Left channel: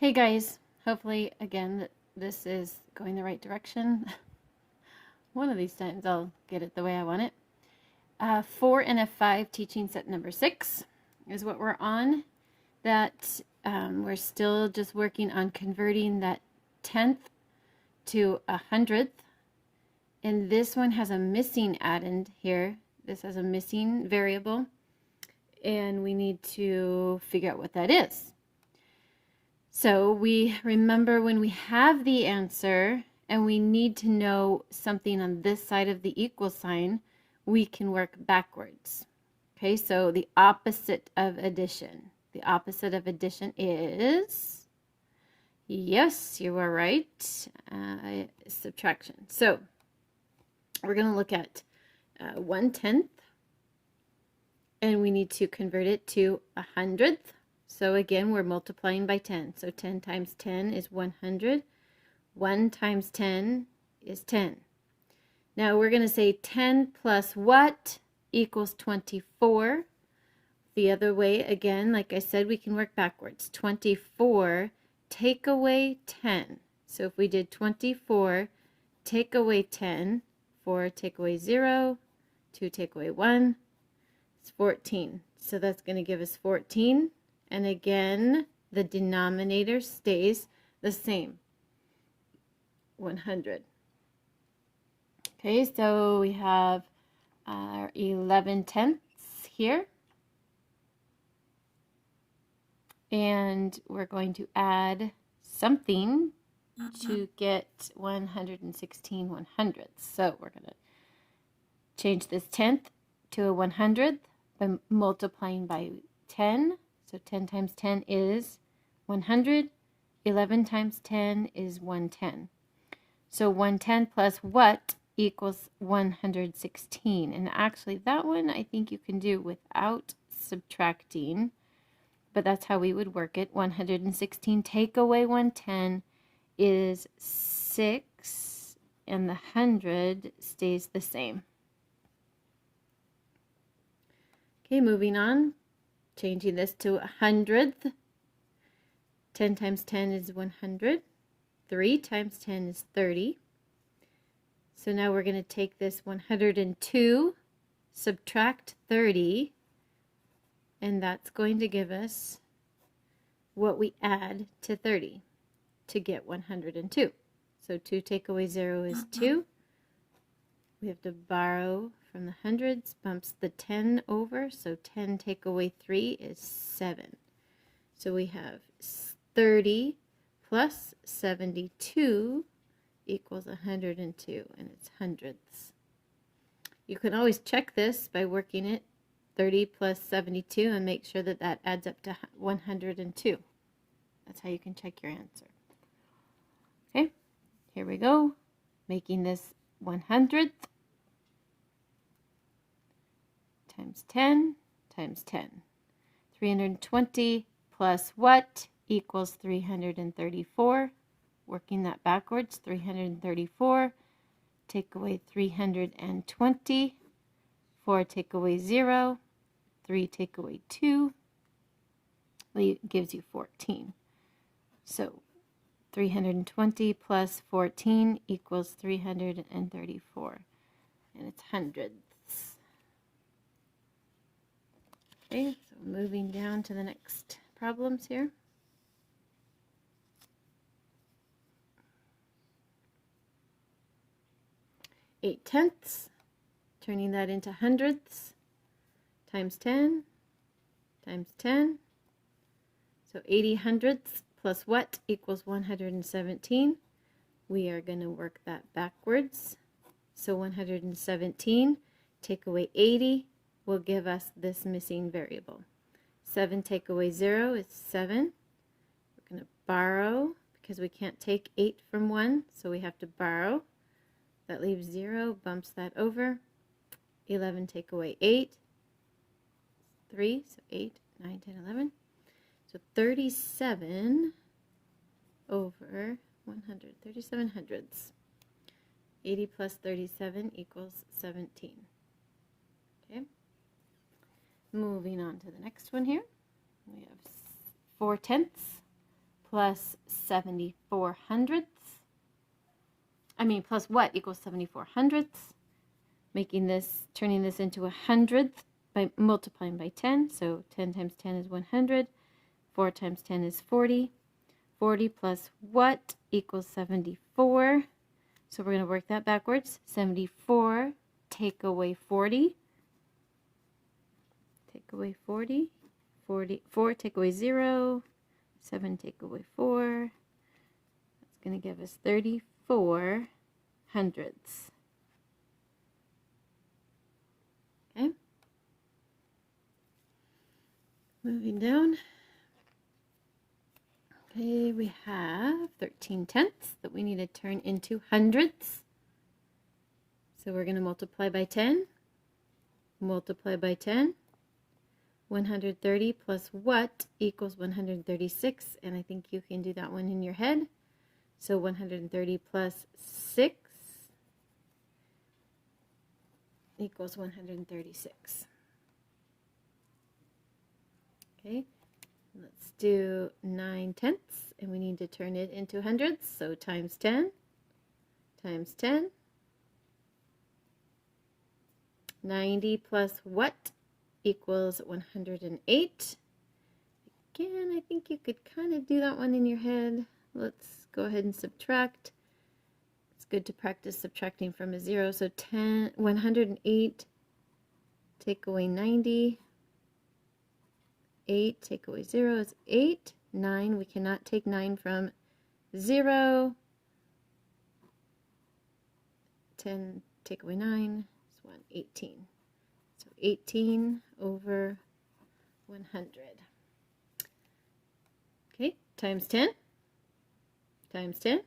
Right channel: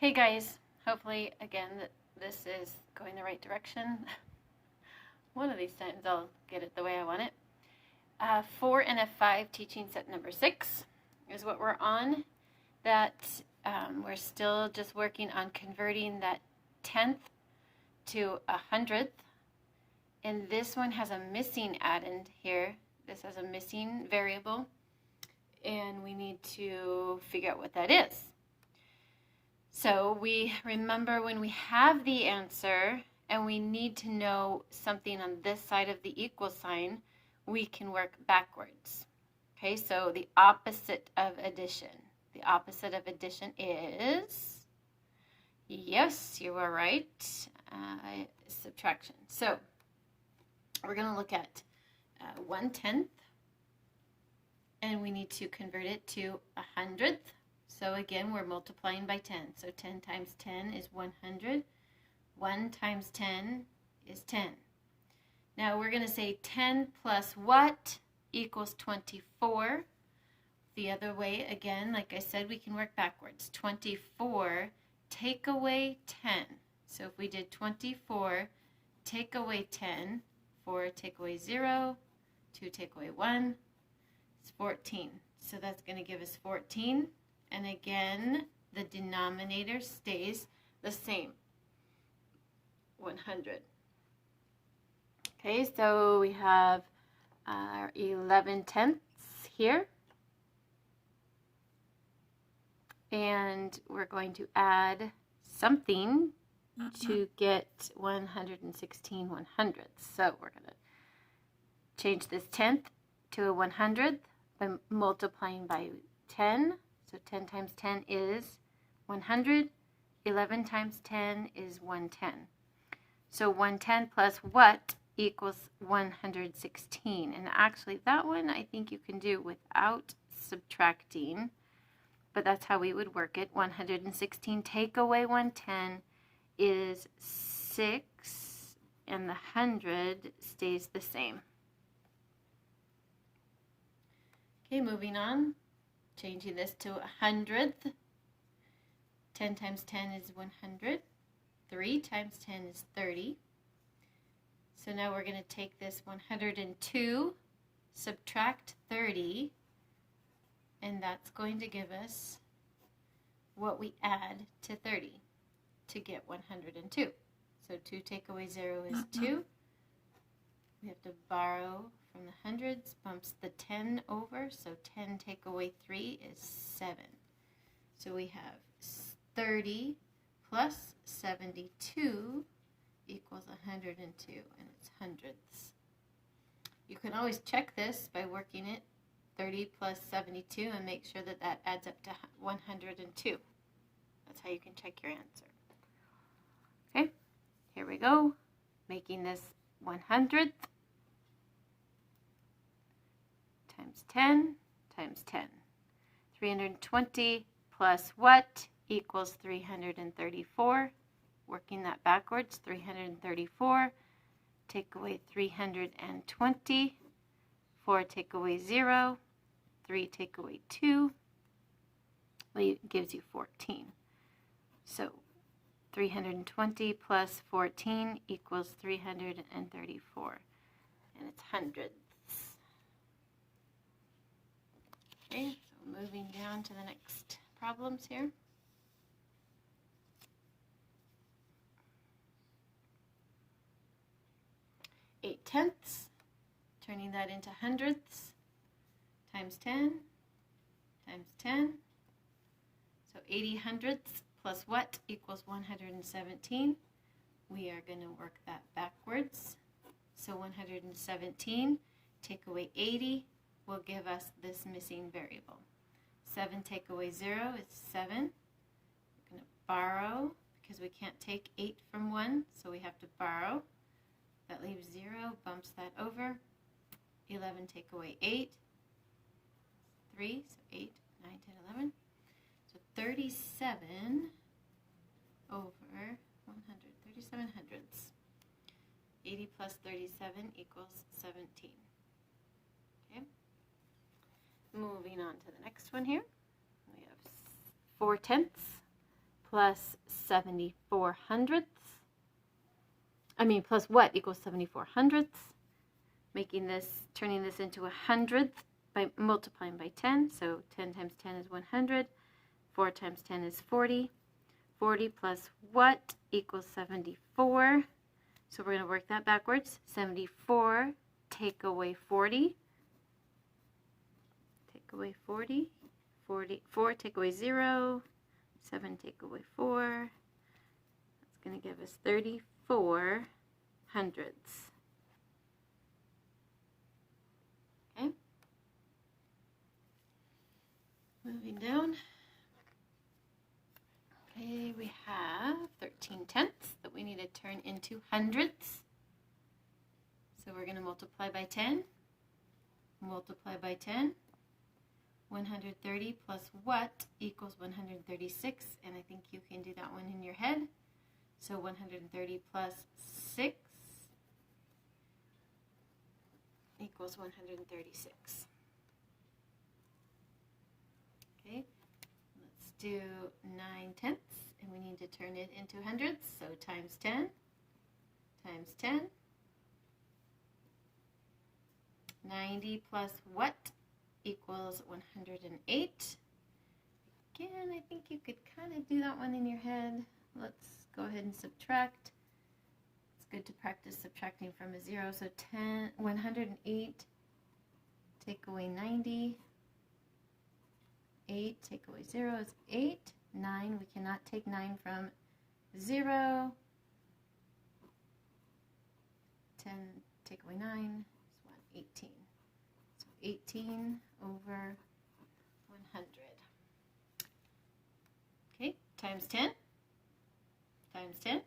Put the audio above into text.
Hey guys, hopefully again this is going the right direction. One of these times I'll get it the way I want it. 4.NF.5 teaching set number 6 is what we're on. That we're still just working on converting that 10th to a 100th. And this one has a missing addend here. This has a missing variable. And we need to figure out what that is. So we remember when we have the answer and we need to know something on this side of the equal sign, we can work backwards. Okay, so the opposite of addition. The opposite of addition is, yes, you are right, subtraction. So we're going to look at 1/10, and we need to convert it to a 100th. So again, we're multiplying by 10. So 10 times 10 is 100. 1 times 10 is 10. Now we're going to say 10 plus what equals 24. The other way, again, like I said, we can work backwards. 24, take away 10. So if we did 24, take away 10, 4 take away 0, 2 take away 1, it's 14. So that's going to give us 14. And again, the denominator stays the same, 100. Okay, so we have our 11/10 here. And we're going to add something to get 116 100ths. So we're going to change this 10th to a 100th by multiplying by 10. So 10 times 10 is 100. 11 times 10 is 110. So 110 plus what equals 116. And actually that one I think you can do without subtracting. But that's how we would work it. 116 take away 110 is 6. And the 100 stays the same. Okay, moving on. Changing this to a 100th. 10 times 10 is 100. 3 times 10 is 30. So now we're going to take this 102, subtract 30, and that's going to give us what we add to 30 to get 102. So 2 take away 0 is 2. We have to borrow from the hundreds, bumps the 10 over, so 10 take away 3 is 7. So we have 30 plus 72 equals 102, and it's hundredths. You can always check this by working it 30 plus 72 and make sure that that adds up to 102. That's how you can check your answer. Okay, here we go, making this 100th times 10 times 10. 320 plus what equals 334. Working that backwards, 334. Take away 320. 4 take away 0. 3 take away 2. Gives you 14. So 320 plus 14 equals 334. And it's hundreds. Okay, so moving down to the next problems here. Eight tenths, turning that into hundredths, times 10, times 10. So 80 hundredths plus what equals 117. We are going to work that backwards. So 117, take away 80. Will give us this missing variable. 7 take away 0 is 7. We're going to borrow because we can't take 8 from 1, so we have to borrow. That leaves 0, bumps that over. 11 take away 8, 3, so 8, 9, 10, 11. So 37 over 100, 37 hundredths. 80 plus 37 equals 17. Okay. Moving on to the next one here, we have 4/10 plus 74 hundredths. Plus what equals 74 hundredths? Turning this into a hundredth by multiplying by 10. So 10 times 10 is 100. 4 times 10 is 40. 40 plus what equals 74? So we're going to work that backwards. 74, take away 40. Take away 40. 4 take away 0. 7 take away 4. That's going to give us 34 hundredths. Okay. Moving down. Okay, we have 13 tenths that we need to turn into hundredths. So we're going to multiply by 10. Multiply by 10. 130 plus what equals 136? And I think you can do that one in your head. So 130 plus 6 equals 136. Okay, let's do 9 tenths, and we need to turn it into hundredths. So times 10 times 10. 90 plus what equals 108. Again, I think you could kind of do that one in your head. Let's go ahead and subtract. It's good to practice subtracting from a 0. So 108 take away 90. 8 take away 0 is 8. 9, we cannot take 9 from 0. 10 take away 9 is 1, 18. So 18 over 100. Okay, times 10 times 10.